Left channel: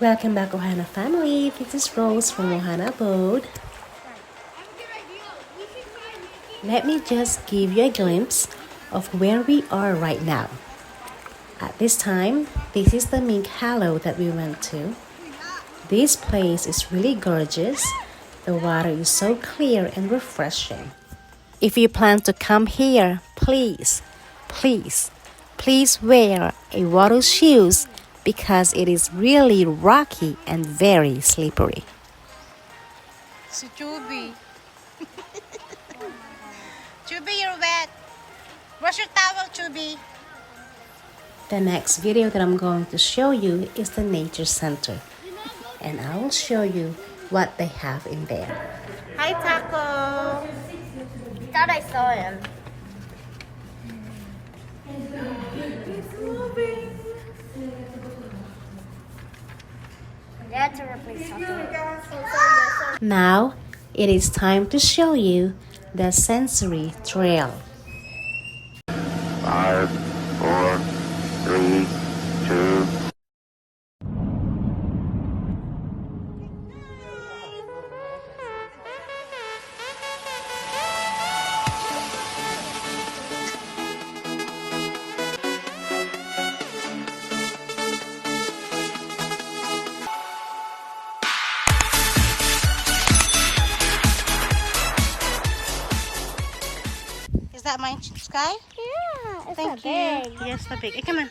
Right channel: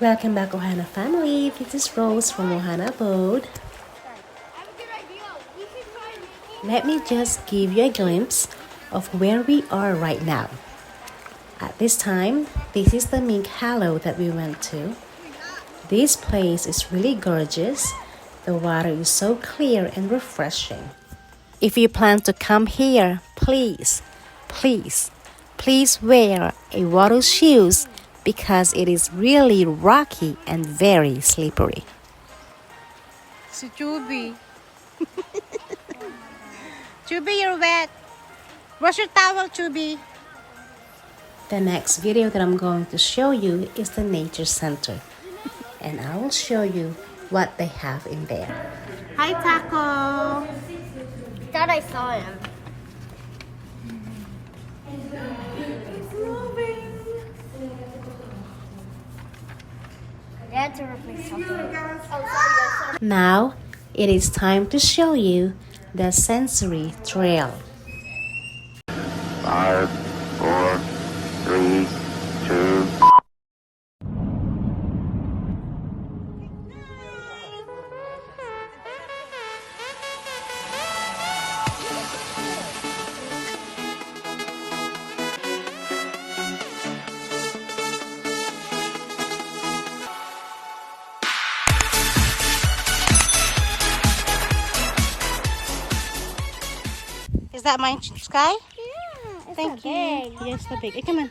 Welcome back, Ohana family. This is Rose from Ohana Abode. Let me just give you a glimpse of where we are right now. At this time, this is the Mink Hollow that we went to. This place is really gorgeous. The water is so clear and refreshing. If you plan to come here, please wear a water shoes because it is really rocky and very slippery. Si Chubby. Chubby, you're wet. Wash your towel, Chubby. The next video that I'm going to show you is the nature center, and I will show you what they have in there. Hi, Taco. Thought I saw him. I had to replace something. Now it is time to show you the sensory trail. 5, 4, 3, 2. Is that my sky? Yeah, it's Thank not you. big. Yes, the big. Hey, come on.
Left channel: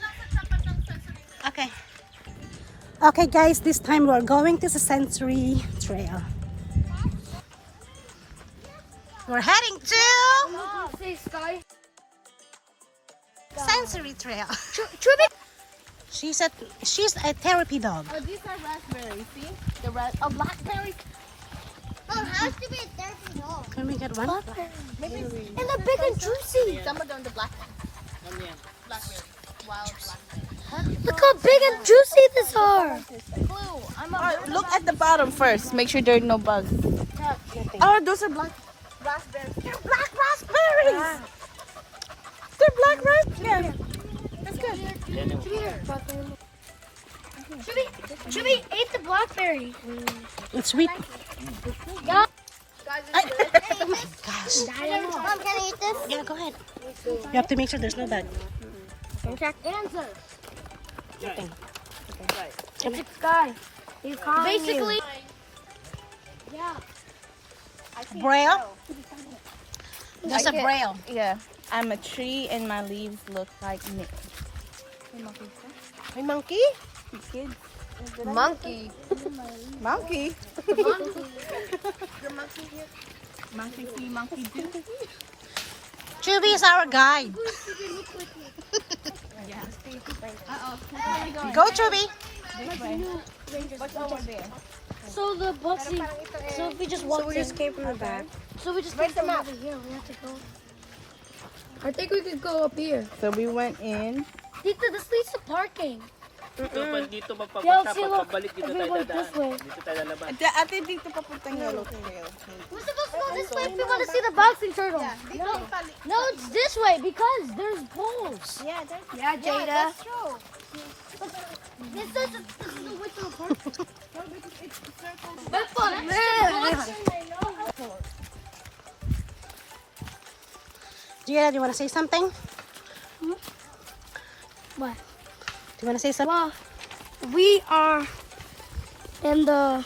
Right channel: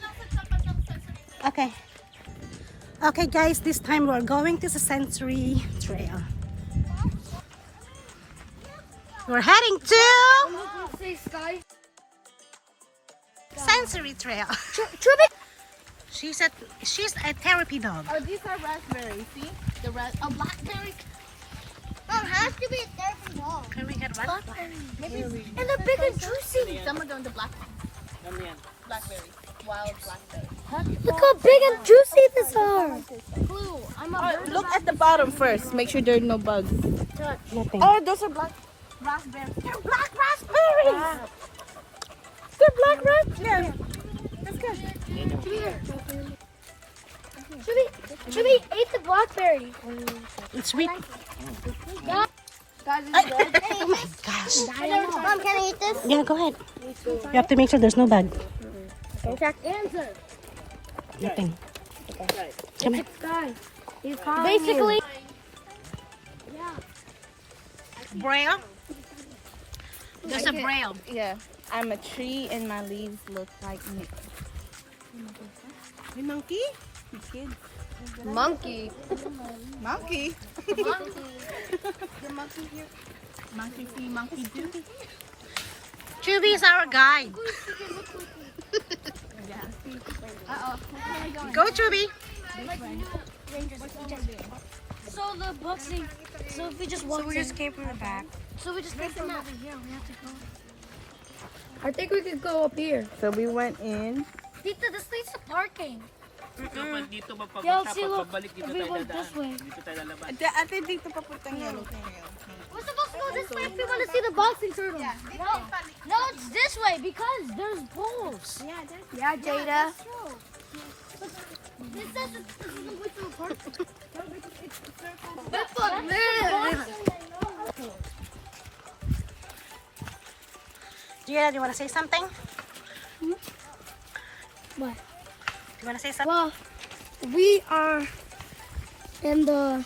Okay. Okay, guys, this time we're going to the sensory trail. We're heading to Say sky. sensory trail. She's a therapy dog. Oh, these are raspberries. See? The blackberry. Oh, has to be a therapy dog. Can we get one? Maybe. And they're big and juicy. Some of them the blackberry. Blackberry. Wild blackberry. Look how big and juicy these are. Blue. Look at the bottom first. Make sure there's no bugs. Oh, those are black Raspberry. They're black raspberries. They're black raspberries. That's good. Should we eat the blackberry? It's sweet. Yeah. Oh my gosh. Can I eat this? Yeah, go ahead. You have to make sure there's no bug. Correct answer. It's a sky. You call basically. Yeah. Braille? There's a braille. Yeah. I'm a tree and my leaves look like Nick. Hey, monkey? Monkey. Monkey. The monkey here. Monkey see, monkey do. Chubby is our guide. Uh-oh. Where are we going? Go, Chubby. This way. What's over there? So the boxing. So if we just walk, we just came from the back. So we just came from over here. We have to go. I think we could go up here. So we went in. Dito, this leads to parking. Dito Yo, see, look. If we went this way. Ate dito papuntang yellow trail. We're supposed to go this way if we want to see the bouncing turtle. No, it's this way because there's poles. Yeah, Jada. That's true. It says this is the way to the park. That's what Gia, do you want to say something? What? Do you want to say something? Well, we are in the,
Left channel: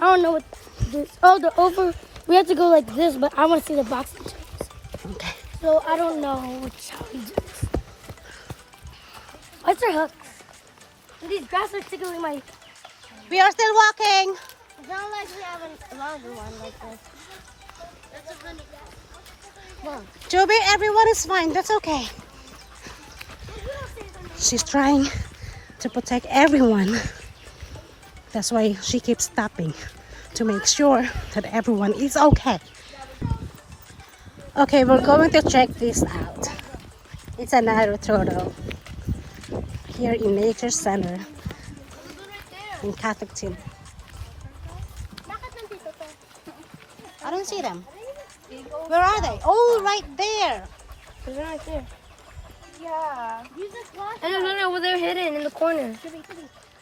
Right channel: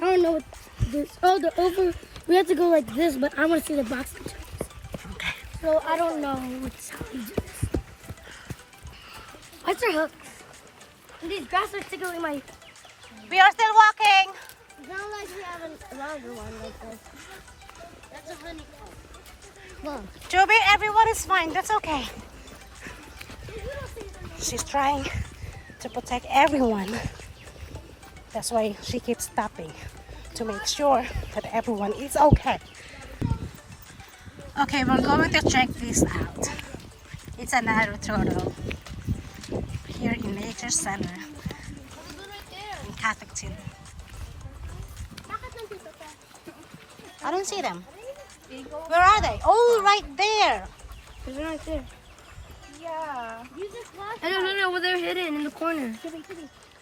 I don't know what this, oh, the over, we have to go like this, but I want to see the boxing turtles. Okay. So I don't know how we do this. What's your hooks? These grass are tickling my, We are still walking. it's not like we have a longer one like this. Well, Chubby, everyone is fine. That's okay. She's trying to protect everyone. That's why she keeps stopping to make sure that everyone is okay. Okay, we're going to check this out. It's another turtle here in Nature Center in CATOCTIN. I don't see them. Where are they? Oh, right there. they're right there. Yeah. No, they're hidden in the corner.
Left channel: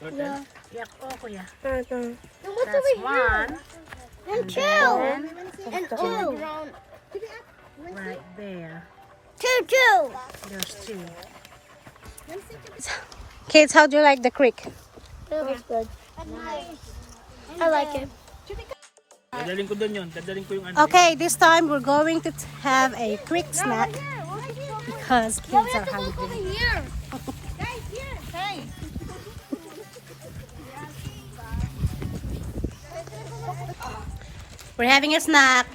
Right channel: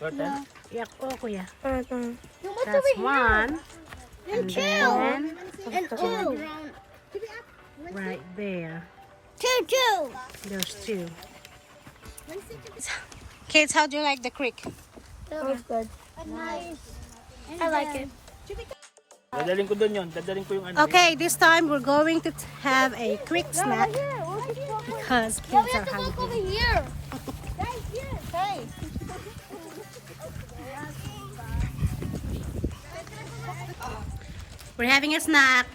What Yeah. Yak po, kuya. What's That's over here? one. And two. Then, And two. right there. Two. There's two. Kids, how do you like the creek? That was good. I like it. Dadaling ko doon yun. Dadaling ko yung ano. Okay, this time we're going to have a creek snack because kids are hungry. Here. We're having a snack.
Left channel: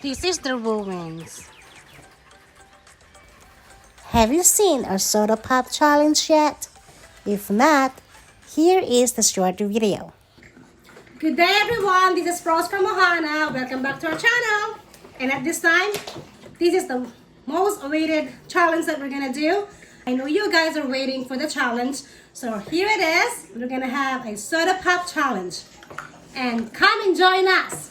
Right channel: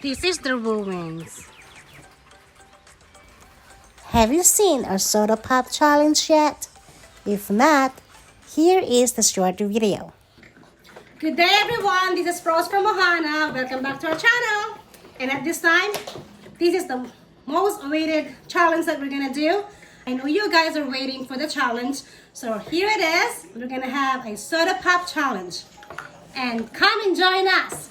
This is the ruins. Have you seen our soda pop challenge yet? If not, here is the short video. Good day everyone, this is Rose from Ohana. Welcome back to our channel. And at this time, this is the most awaited challenge that we're gonna do. I know you guys are waiting for the challenge. So here it is. We're gonna have a soda pop challenge. And come and join us.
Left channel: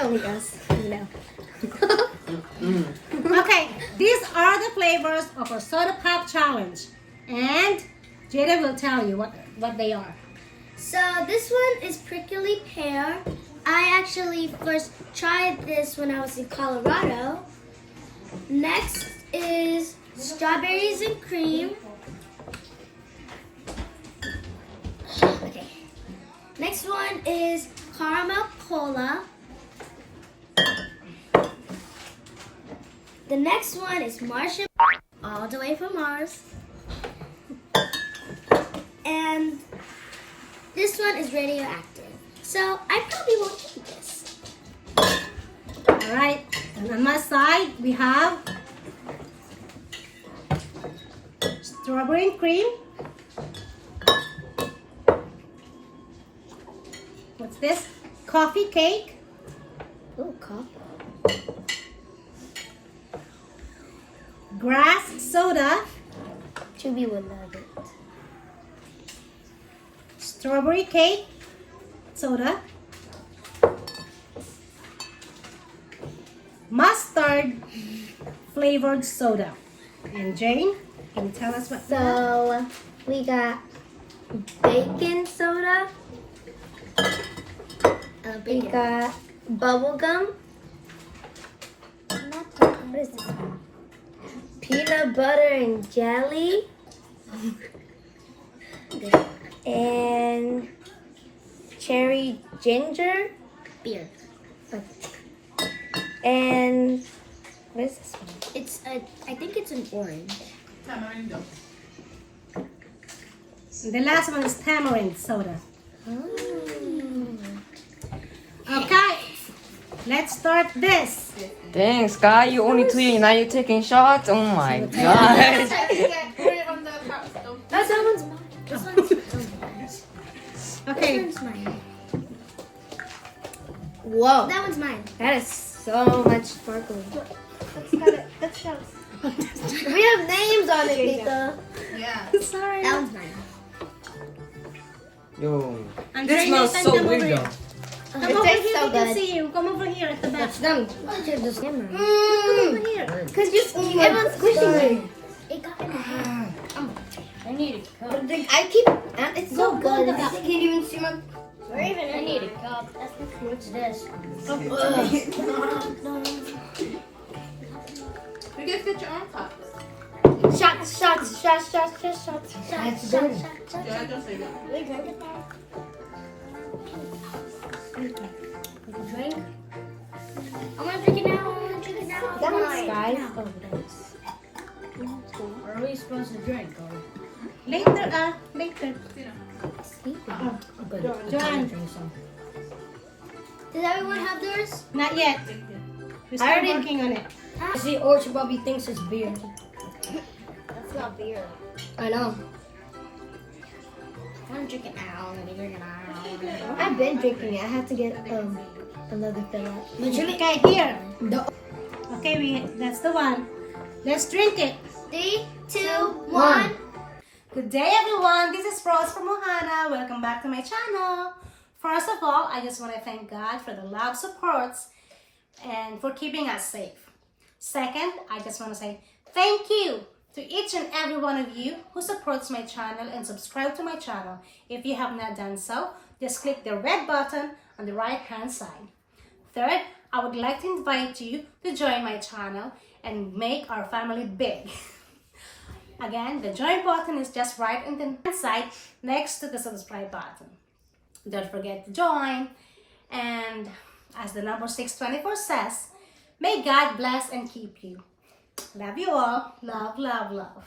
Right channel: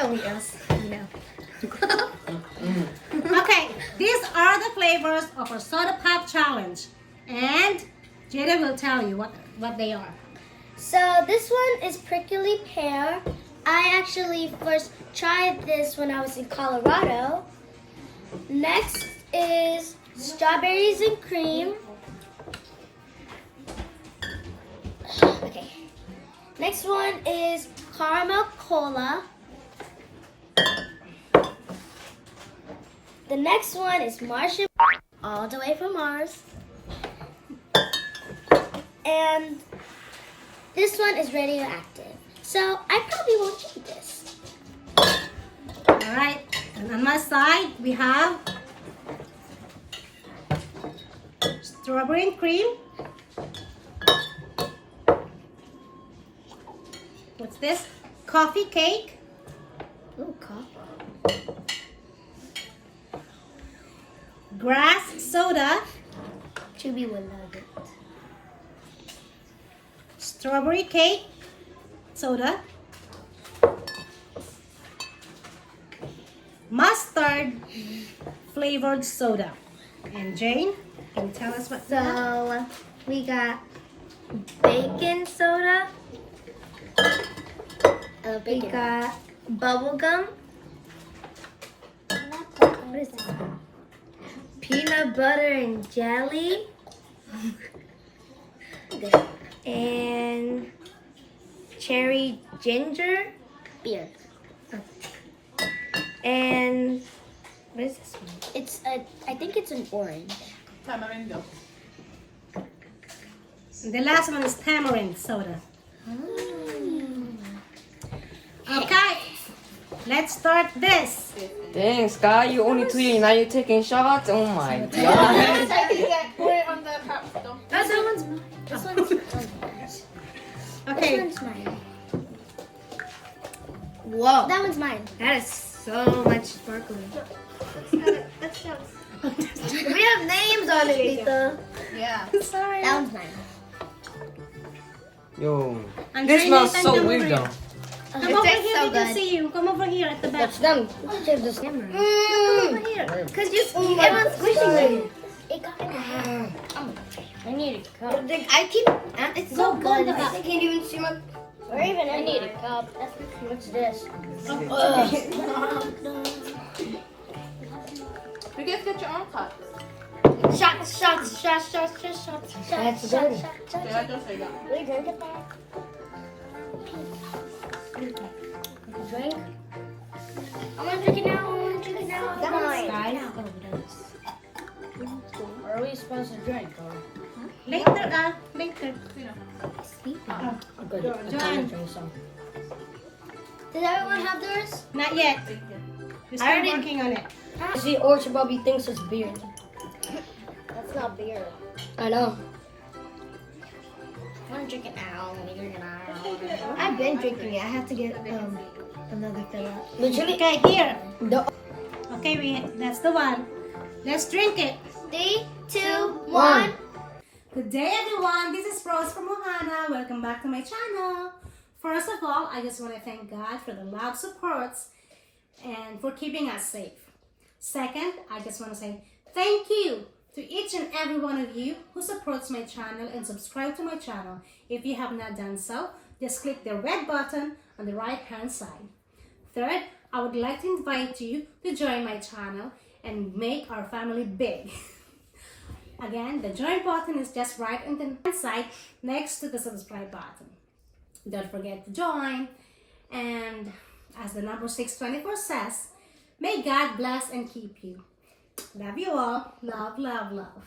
Only us, you know. Okay, these are the flavors of our soda pop challenge. And Jada will tell you what they are. So this one is prickly pear. I actually first tried this when I was in Colorado. Next is strawberries and cream. Okay. Next one is caramel cola. The next one is marshmallow, all the way from Mars. And this one is radioactive. So I probably won't eat this. All right, and on my side we have strawberry and cream. What's this? Coffee cake. Oh, coffee. Grass soda. Chubby would love it. Strawberry cake soda. Mustard flavored soda. And Jane, can you tell us what? So we got bacon soda. We got bubble gum. What is this one? Peanut butter and jelly. And cherry ginger beer. And what is this one? It's I think it's an orange. The last one is tamarind soda. Oh. Okay, let's start this. Dang, Sky, you only three, now you're taking shots? Oh my god. That one's mine. This one's Okay, This one's mine. Whoa, That one's mine. that is so much sparkling. Let's show. We have names on it, Lita. sorry. That one's mine. Yo, Andrea, this smells come so over weird here. though. Come over here, we can see you. Come over here at the back. Done. Check this camera. Come over here. Cause you, everyone's squishing it. It got in my hand. I need a cup. I keep. It's so Go in good. the back. I can't even see my. Or even I need a cup. What's this? You guys get your own cups. Shots. That's good. Yeah, I guess I got it. We drink it. Drink. I'm gonna drink it now. That one's Sky. Are we supposed to drink? Later, later. Joanne, Did everyone have theirs? not yet. We're still already- working on it. See, Orchard Bobby thinks it's beer. That's not beer. I know. I'm drinking now. I've been drinking it. I have to get another fill up. Okay, here. Okay, that's the one. Let's drink it. 3, 2, 1. Good day, everyone. This is Rose from Ohana. Welcome back to my channel. First of all, I just want to thank God for the love supports and for keeping us safe. Second, I just want to say thank you to each and every one of you who supports my channel and subscribe to my channel. If you have not done so, just click the red button on the right hand side. Third, I would like to invite you to join my channel and make our family big. Again, the join button is just right on the right side next to the subscribe button. Don't forget to join. And as the number 624 says, may God bless and keep you. Love you all. Love, love, love.